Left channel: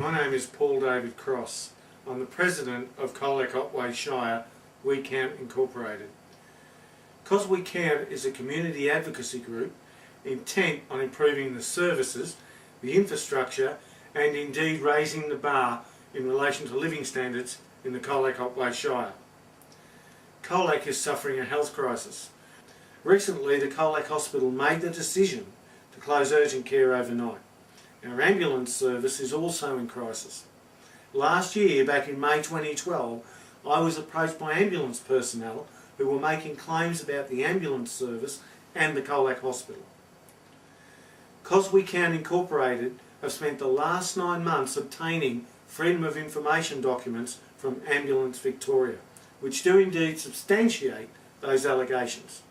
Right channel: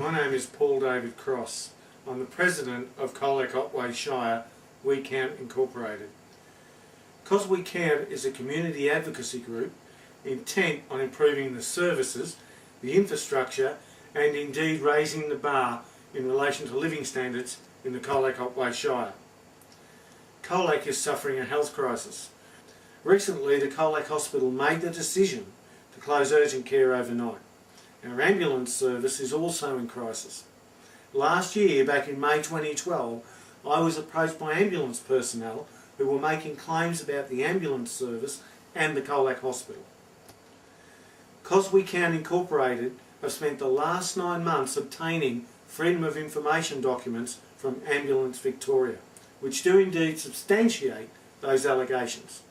My name is Paul David Cross. I'm the President of Colac Otway Shire CosWEcount Incorporated. CosWEcount is a community advocacy group intent on improving the services, the infrastructure and indeed raising the bar in relation to living standards in the Colac Otway Shire. Colac is suffering a health crisis. Recently the Colac Hospital made the decision to close urgent care overnight. Our ambulance service is also in crisis. Last year, back in May 2012, I was approached by ambulance personnel who were making claims about the ambulance service and the Colac Hospital. CosWEcount Incorporated have spent the last 9 months obtaining Freedom of Information documents from Ambulance Victoria, which do indeed substantiate those allegations.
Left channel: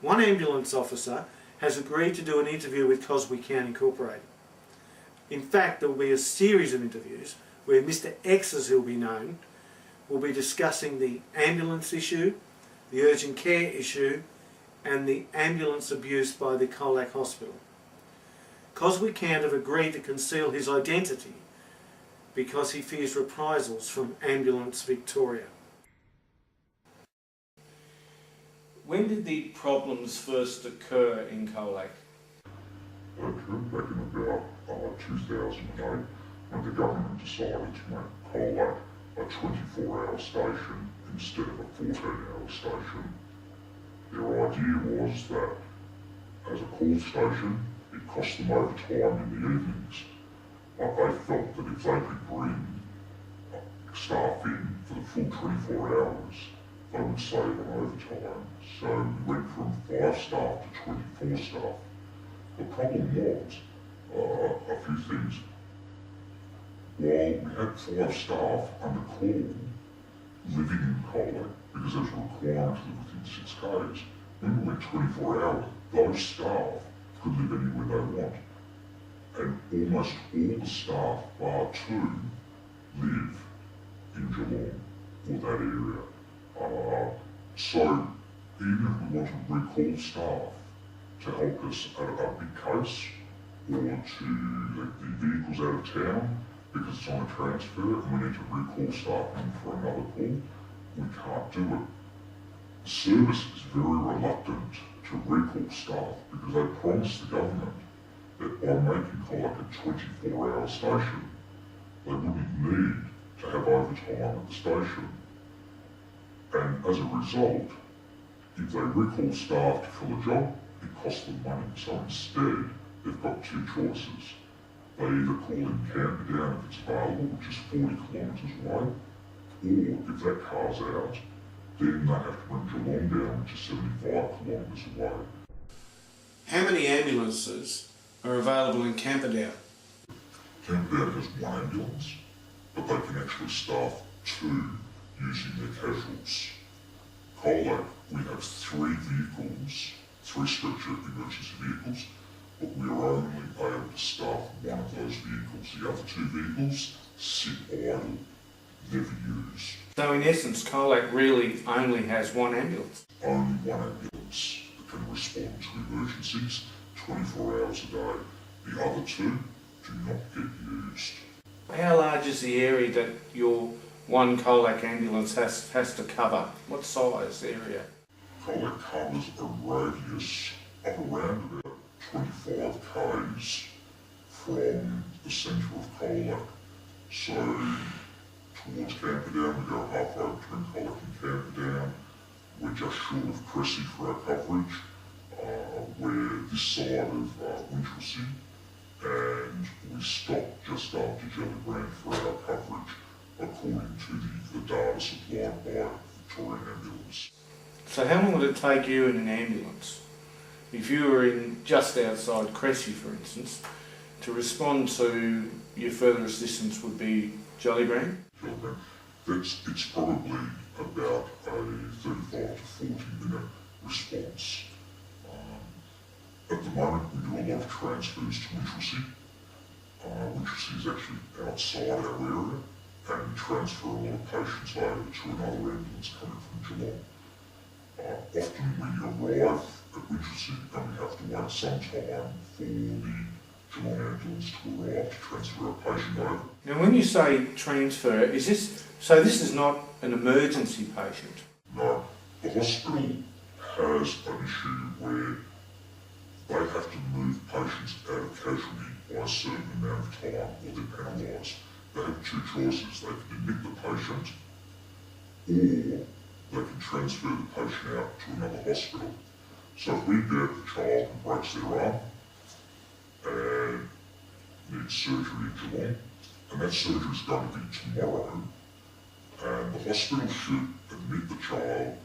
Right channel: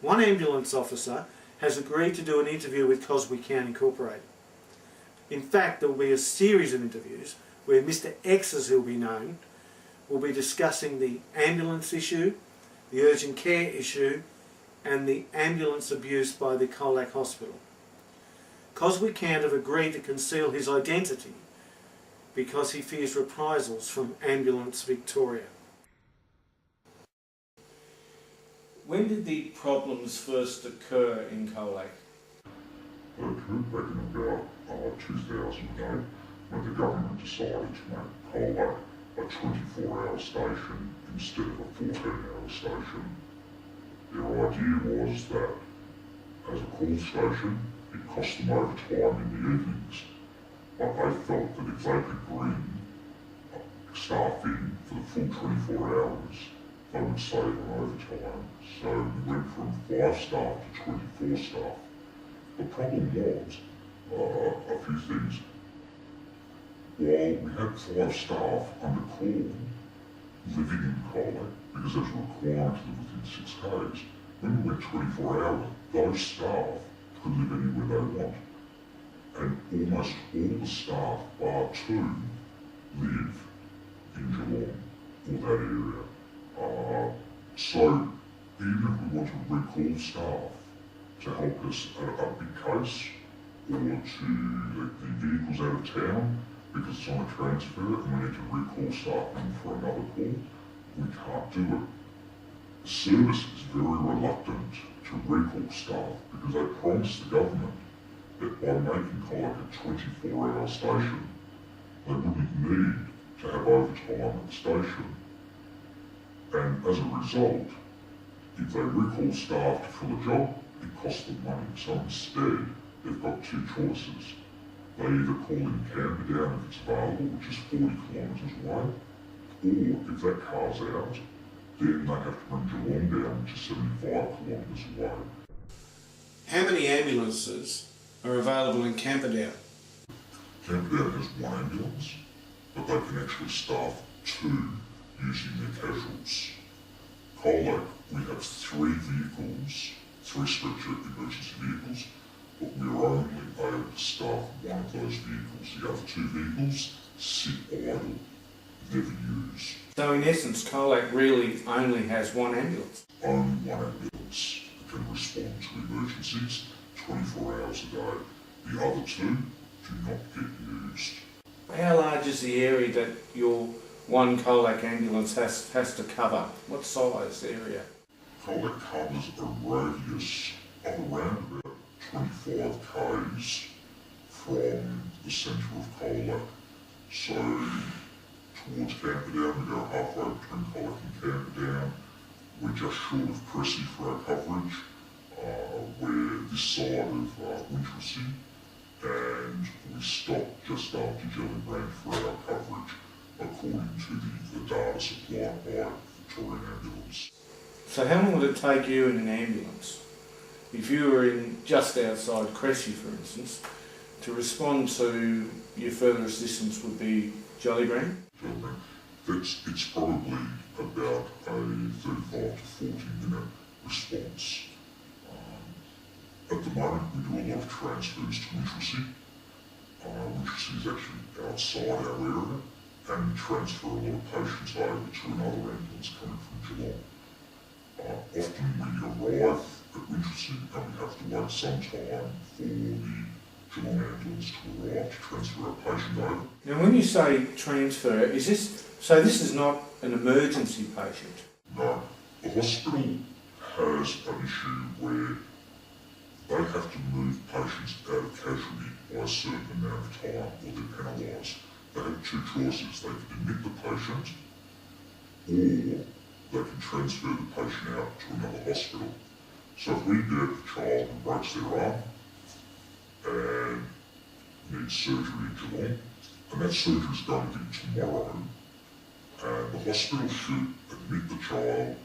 One ambulance officer has agreed to do an interview with CosWEcount Incorporated. In fact, there will be a series of interviews where Mr. X, as he'll be known, will be discussing the ambulance issue, the urgent care issue and the ambulance abuse by the Colac Hospital. CosWEcount have agreed to conceal his identity because he fears reprisals from Ambulance Victoria. When did the problems first occur in Colac? They occurred back in about 2008 when the government decided to make Colac a 24-hour station instead of a 14-hour station. Their idea was that as a call station it cost them overtime in the evenings, but they felt that if they could bring staff in for the full 24 hours they would save on overtime. So we went from 5 staff to 24 staff. The problem was a few things. While we had 5 staff under call living in Colac, because there's a requirement to live within 6 days, when we went 24 hours, those staff could live anywhere they want. And almost all the staff, bar 2, live in Geelong or that area. So even if we want to recall staff to help us at a big case, or to let the vehicles out of town because it's on a transfer and we need to recall staff in for another call, we can't do it. The service is very reluctant to recall staff because they promised the government that by making Colac a 24-hour station, they wouldn't need to have overtime at the station. And as a result, if they recall staff to fill a job, it costs them money. So instead, they've got 2 choices. They either call in Camperdown if it's available, which is 40 kilometres away, or if that car's out, then they have to bring Geelong down, which is 75 kilometres away. How many ambulances are available in Camperdown? Camperdown has 1 ambulance, but they can actually staff 2 using their casuals. Colac, we have 3 vehicles, 3 stretcher emergency vehicles, but we are only able to staff 1 of those vehicles. The other 2 vehicles sit idle, never used. So in essence, Colac really only has 1 ambulance? Only 1 ambulance that can respond to emergencies 24 hours a day. The other 2 do not get used. How large is the area that your 1 Colac ambulance has to cover? What size area? Colac covers a radius of around about 25 k's from the centre of Colac. So towards Camperdown, we go halfway between Colac and Camperdown. We're just short of Cressy for our coverage. We're this side of Winchelsea, and we stop just after Jellybrand for our coverage, according to the data supplied by Victorian Ambulance. So how long would it take you in an ambulance, if you were in just outside Cressy for instance, to respond to your furthest distance would be Jellybrand? It's probably about a 35 to 40 minute response. At the moment we do a lot of transfers to Winchelsea. Winchelsea is actually outside our area, and we transfer a lot of patients over to another ambulance coming from Geelong. Often we arrive at Winchelsea and we have to wait some time for the Geelong Ambulance to arrive to transfer our patient over. Now when you say transfer, is this is not an emergency patient? No, the hospital has an issue where they have to move patients out of casualty by a certain amount of time or they're penalised. They have two choices. They can admit the patient or they can transfer the patient out to another hospital. So if we get a child who breaks their arm and needs surgery in Geelong, and that surgery is going to be tomorrow, and the hospital should admit the child,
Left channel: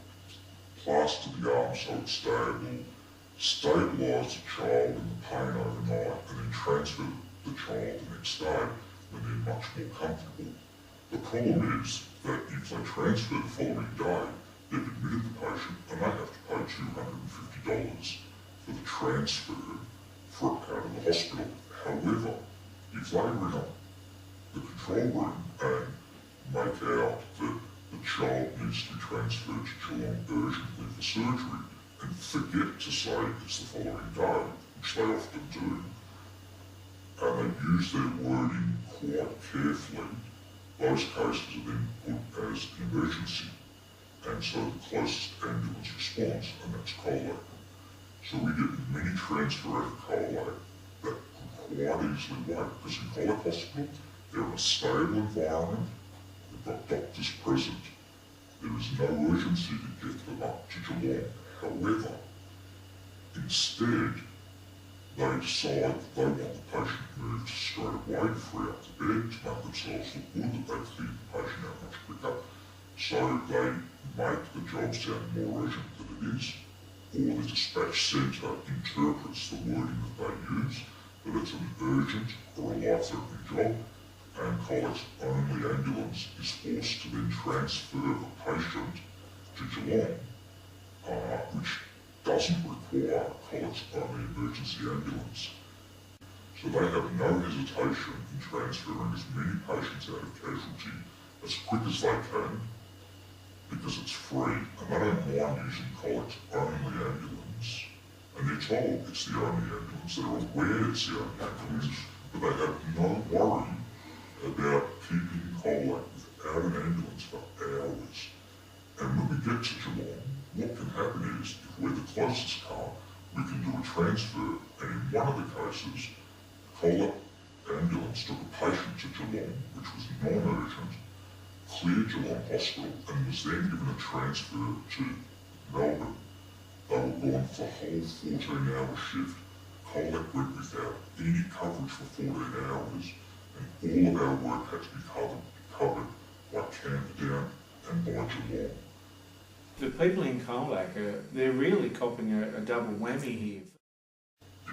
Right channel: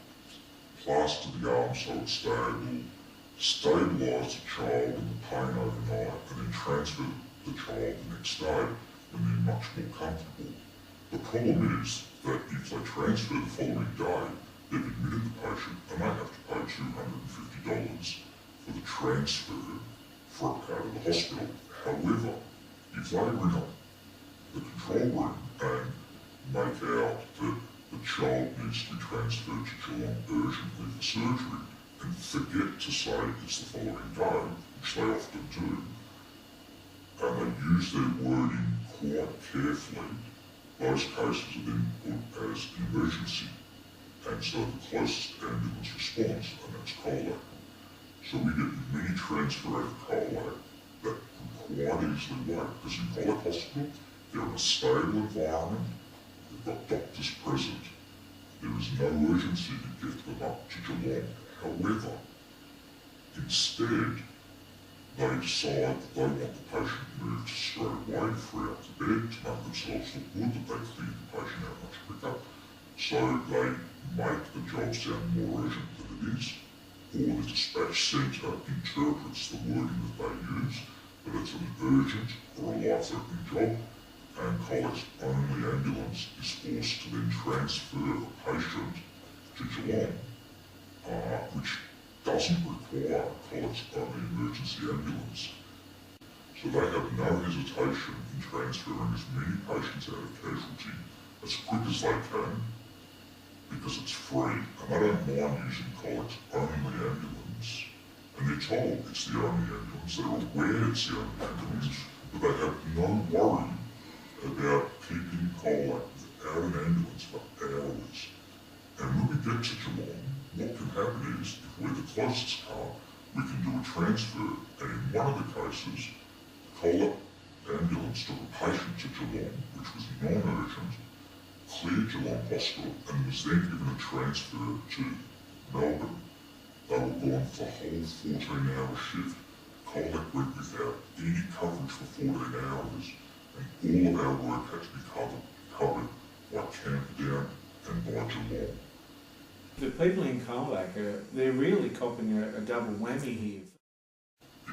plaster the arm so it's stable, stabilise the child in the pain overnight, and then transfer the child the next day when they're much more comfortable. The problem is that if they transfer the following day, they've admitted the patient and they have to pay $250 for the transfer for out of the hospital. However, if they ring up the control room and make out that the child needs to be transferred to Geelong urgently for surgery and forget to say it's the following day, which they often do, and they use their wording quite carefully, those cases are then put as an emergency. And so the closest ambulance response, and that's Colac. So we get many transfer out of Colac that can quite easily wait. Because in Colac Hospital, they're in a stable environment, they've got doctors present, there is no urgency to get them up to Geelong. However, instead, they decide that they want the patient moved straight away, free up the bed, to make themselves look good that they've cleared the patient out much quicker. So they make the job sound more urgent than it is. Or the dispatch centre interprets the wording that they use, that it's an urgent or a life-threatening job, and Colac's only ambulance is forced to then transfer the patient to Geelong, which doesn't require Colac's only emergency ambulance. So they have no hesitation in transferring as many patients out of casualty as quick as they can, because it's free, and they don't mind using Colac's only ambulance. And they're told it's the only ambulance, they're aware it's the only ambulance, but they have no worry about keeping Colac without an ambulance for hours. And when we get to Geelong, what can happen is, if we're the closest car, we can do a transfer, and in one of the cases, Colac ambulance took a patient to Geelong, which was non-urgent, cleared Geelong Hospital, and was then given a transfer to Melbourne. They were gone for the whole 14-hour shift. Colac went without any coverage for 14 hours, and all of our work had to be covered by Camperdown and by Geelong. The people in Colac, they're really copping a double whammy here.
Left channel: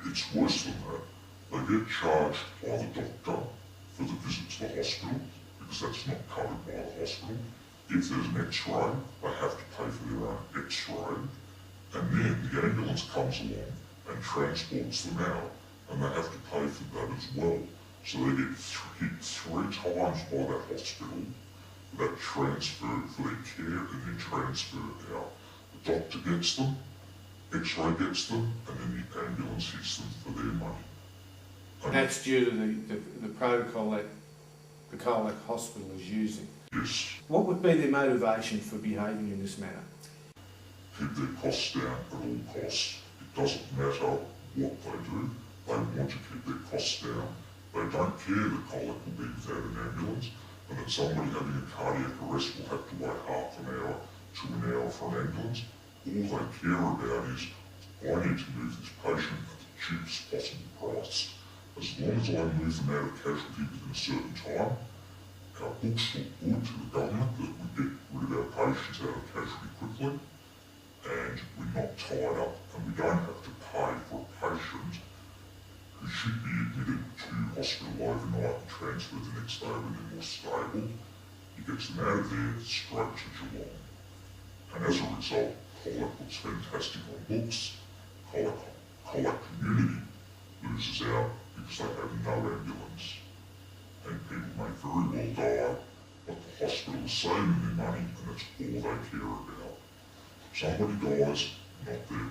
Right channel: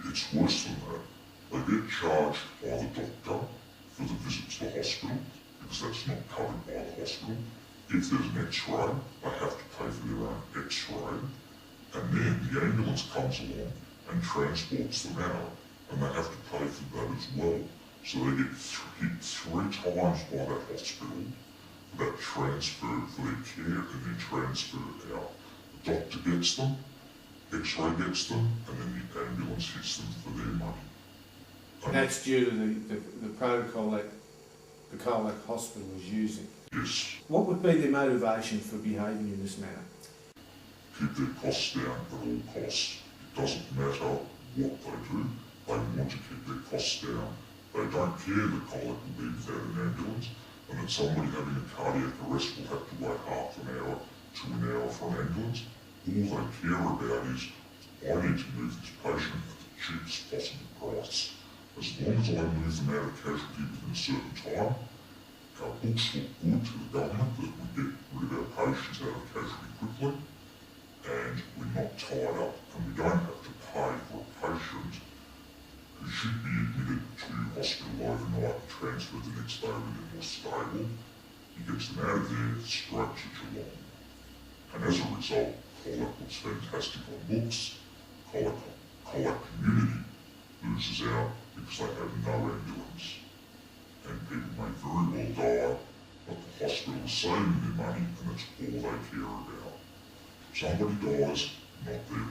It's worse than that. They get charged by the doctor for the visit to the hospital, because that's not covered by the hospital. If there's an X-ray, they have to pay for their own X-ray, and then the ambulance comes along and transports them out, and they have to pay for that as well. So they get hit 3 times by that hospital for that transfer, for their care, and then transferred out. The doctor gets them, X-ray gets them, and then the ambulance hits them for their money. And that's due to the protocol that the Colac Hospital is using. Yes. What would be their motivation for behaving in this manner? Keep their costs down at all costs. It doesn't matter what they do, they want to keep their costs down. They don't care that Colac will be without an ambulance, and that somebody having a cardiac arrest will have to wait half an hour to an hour for an ambulance. All they care about is, I need to move this patient at the cheapest possible price. As long as I move them out of casualty within a certain time, our books look good to the government that we get rid of our patients out of casualty quickly, and we're not tied up, and we don't have to pay for a patient who should be admitted to hospital overnight and transferred the next day when they're more stable. He gets them out of there straight to Geelong. And as a result, Colac looks fantastic on looks. Colac community loses out because they have no ambulance. And people may very well die, but the hospital is saving their money, and that's all they care about. Somebody dies, not their